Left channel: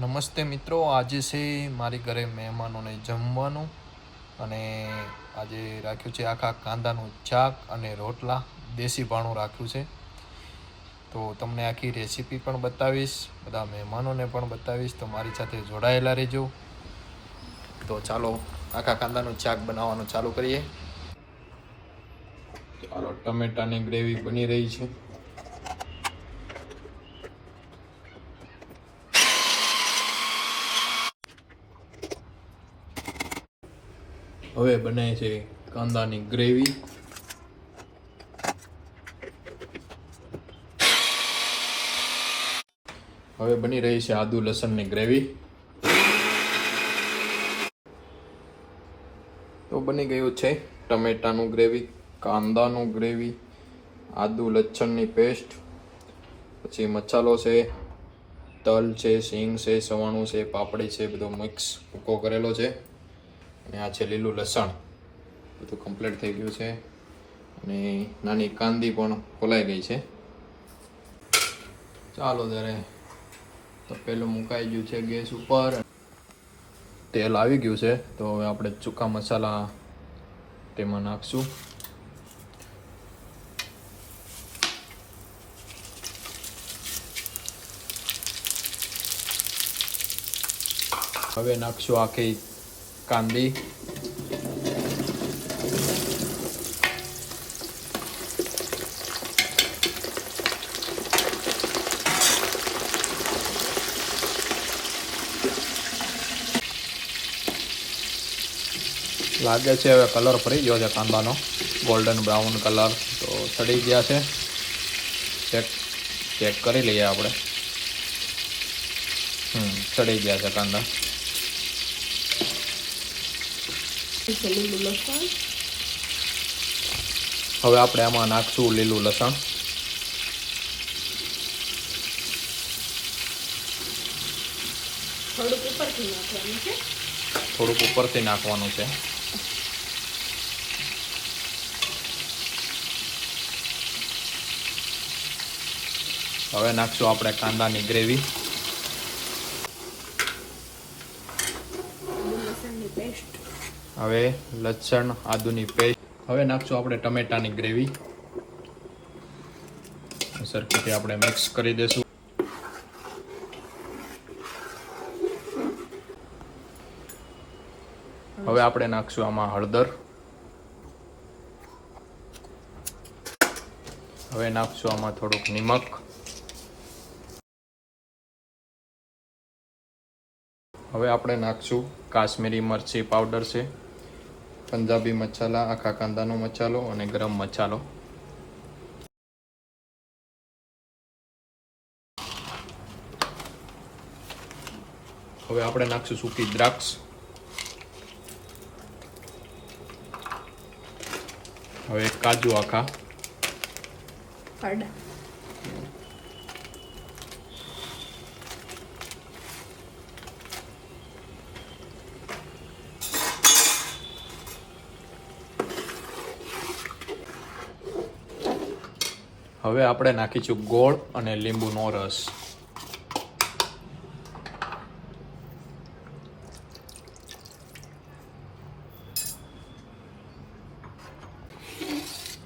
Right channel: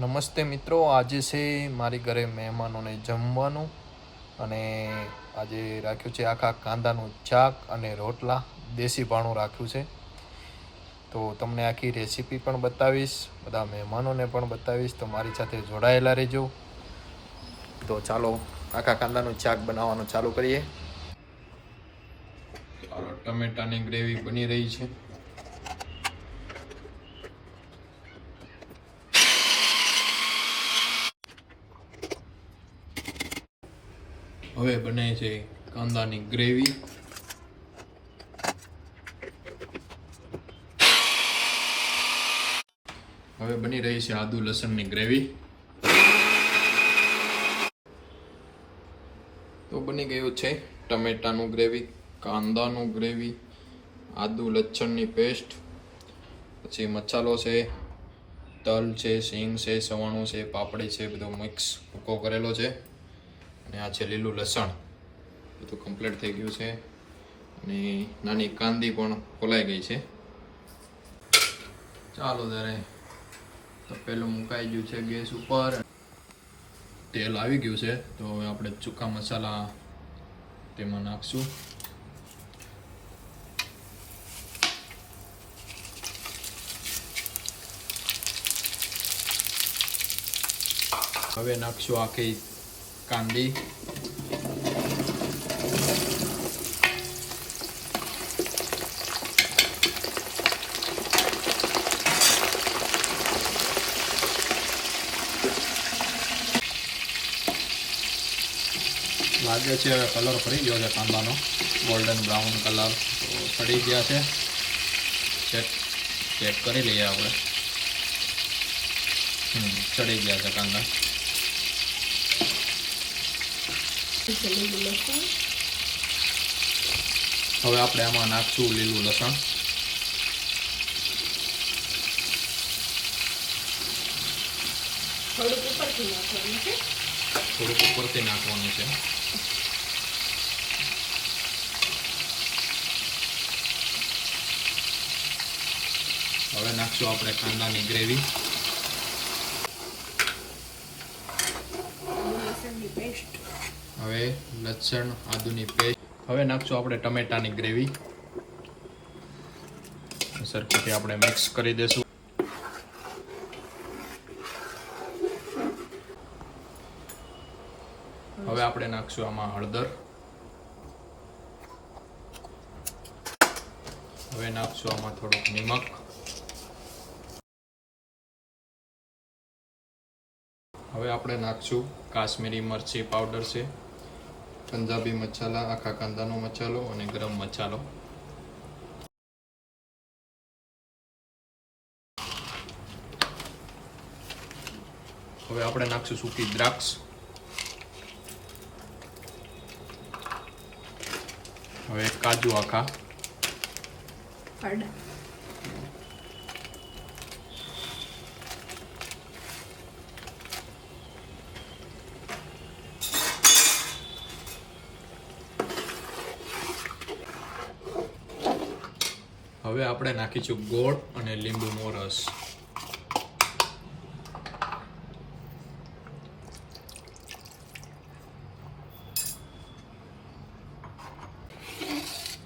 નમસ્તે મિત્રો, આજે છે મારી ઘરે મહેમાનોને જમવાનું અને આજે રાખ્યું છે આખા કાંદાનું શાક અને રોટલા, દેશી ભાણું રાખ્યું છે. તો તમને આખી રેસીપી પણ બતાવીશ, બધા મહેમાનોને પણ બતાવીશ, તો મારી સાથે જોડાયેલા રહેજો. તો ચાલો આખા કાંદાનું શાક બનાવવાનું ચાલુ કરીએ. ચાલો, ટમેટાની ગ્રેવી બની રહી છે. હવે બને છે કાંદાની ગ્રેવી. હવે બની રહી છે આદુ લસણની ગ્રેવી. તો બની ગયું છે ટમેટાનું ગ્રેવી, કાંદાનું ગ્રેવી, આદુ લસણની પેસ્ટ, પછી મસાલો છે, તલ છે, સિંગ છે, સવાણું છે, પાપડી છે, બધો મિક્સ ભૂકો કરેલો છે. અને આ છે લીલું લસણ, બધું કમ્પ્લીટ થઈ ગયું છે. અને નાની કાંદી પણ ખોલાઈ ગઈ છે. ચાલો ત્યારે તો પેલું મુકાઈ ગયું છે ગેસ ઉપર, તેલ આવી ગયું છે. તો હવે આપણે સૂકા મસાલા તેમાં નાખશું. હવે નાખશું આખી કાંદી. લાગે છે હવે કલર ફરી ગયો છે કાંદાનો, ગોલ્ડન બ્રાઉન કલર. તો સડી ગયા છે. ચેક કરી લઈએ આપણે. સડી ગયા છે કાંદા. હવે આપણે આમાં નાખશું લીલું લસણ. થોડુંક ઉપરથી નાખવાનું છે. હવે નાખશું આપણે કાંદાની ગ્રેવી. હવે લસણ આદુની પેસ્ટ. હવે નાખશું આપણે ટમેટાની ગ્રેવી. સરખેથી આપણે મિક્સ કરી દેશું. હવે આપણે નાખશું આમાં હળદર. હવે નાખશું આમાં થોડુંક નિમક. હવે આપણે નાખશું કાશ્મીરી મરચી પાવડર છે, પંજાબી મસાલા, આખા કાંદાનો મસાલો અને ગરમ મસાલો. હવે આપણે નાખશું સૂકી દ્રાક્ષ. હવે કાજુ આખા. હવે આપણે નાખીશું ગોળ અને લીંબુનો રસ.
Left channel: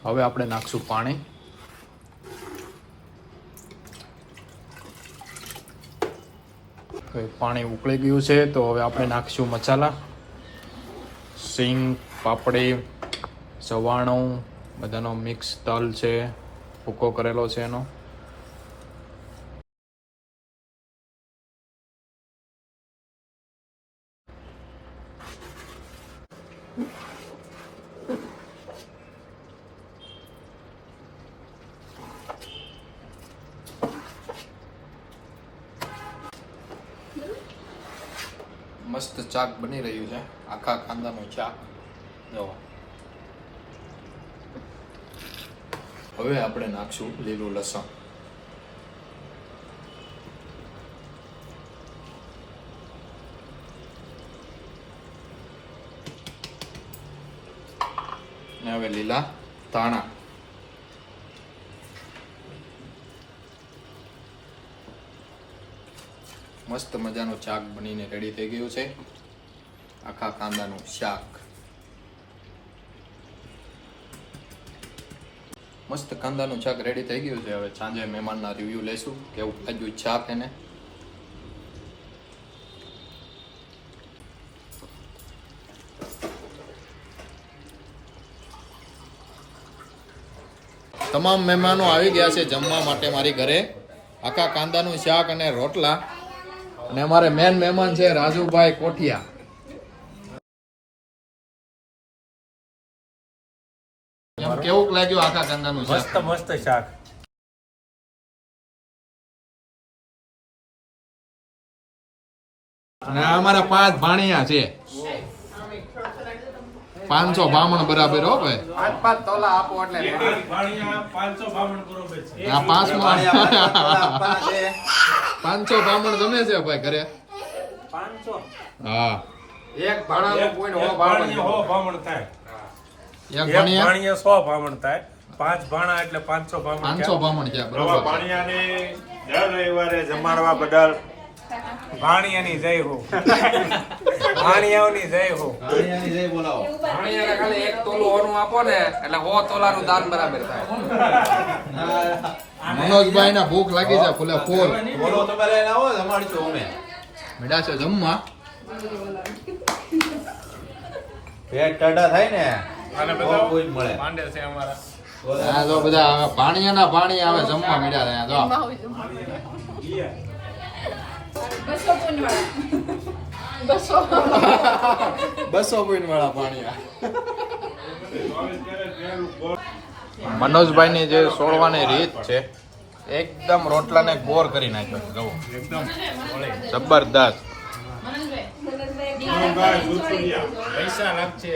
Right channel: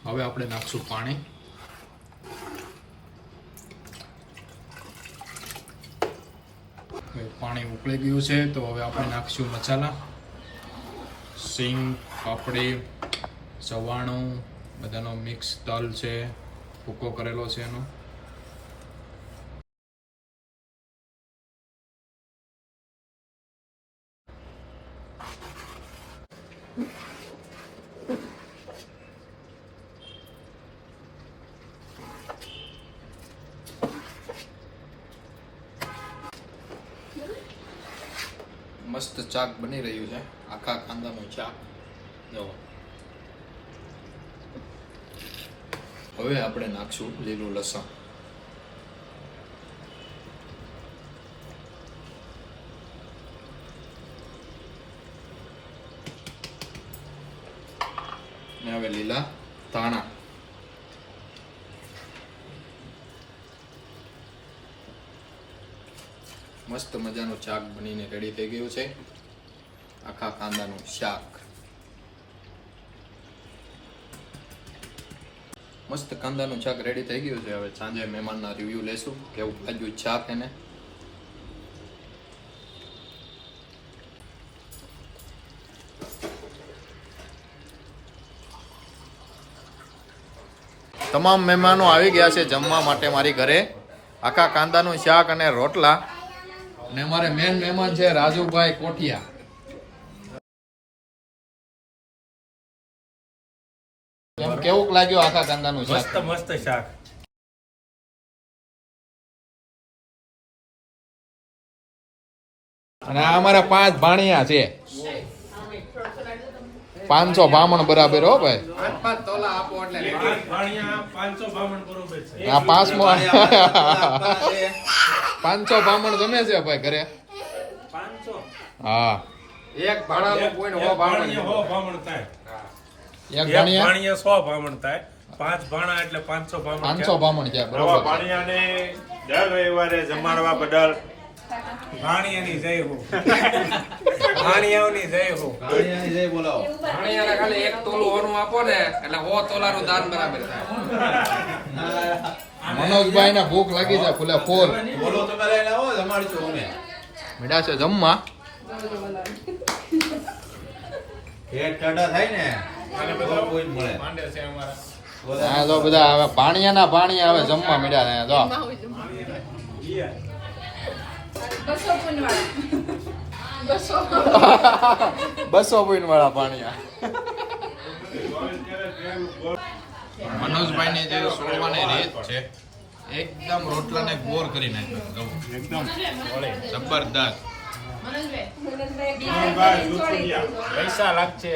હવે આપણે નાખશું પાણી. પાણી ઉકળી ગયું છે. તો હવે આપણે નાખીશું મસાલા. સિંગ, પાપડી, સવાણું, બધાનો મિક્સ, તલ છે, ભૂકો કરેલો છે એનો. મસ્ત શાક બની રહ્યું છે, આખા કાંદાનું શાક. જો હવે આપણે નાખશું લીલું લસણ. ને હવે લીલા ધાણા. મસ્ત મજાનું શાક બનીને રેડી થઈ ગયું છે. આખા કાંદાનું શાક. મસ્ત કાંદાનું શાક રેડી થઈ ગયું છે. હવે સાંજે મહેમાનના રિવ્યુ લેશું કેવું લાગ્યું શાક એને. તમામ મહેમાનો આવી ગયા છે જમવા માટે મારી ઘરે. આખા કાંદાનું શાક અને રોટલા. અને અમારે મેન મહેમાન છે રાજુભાઈ કોઠિયા. કેવું લાગ્યું આખા કાંદાનું શાક? મસ્ત મસ્ત શાક. અને આ અમારા 5 ભાણિયા છે. 500 બામણ બરાબર હો ભાઈ. 5 તોલા આપો એટલે રેડી. 500 બામણ બરોબર છે. આ 500 બામણ જમે છે ભાઈ ઘરે. 500 હા, એક ભાણાનો પોઈન્ટ હો બામણ થાય. એક એક ભાણિયા ભાણિયા 100 બામણ થાય. 5 ભાણા એટલે 500 બામણ. 500 બામણ છે નવા બરોબર. ભાણિયાને દર રવિવારે જમાડવા બદલ ભાણિયાની જય હો. ભાણિયાઓની જય હો. ભાણિયાને ખાલી એક તોલું હોનું આપો ને એટલે 100 તોલાનું દાન બરાબર થાય. મનોજભાઈ ને ભૂખ લાગી છે ફૂલે ફૂલ. બોલો તમે લઈને આવો જમાડીશું અમે. મેડા છે જમવા. પેટ ટાઢા થાય ને અને તો બધા કોઈ મળે. માંડે છે અમારા. આ જો બધા હવે ભાણિયાના ભાણિયા હવે જમવા મળ્યા છે. જો 200 પોઈન્ટ વાળા ભાણિયા. મનોજભાઈ ની જે સોળવાની રીત છે એકદમ રોટલાને બોર કરી નાખ્યો. જો એકદમ જબરદસ્ત. પૈસા લાગશે.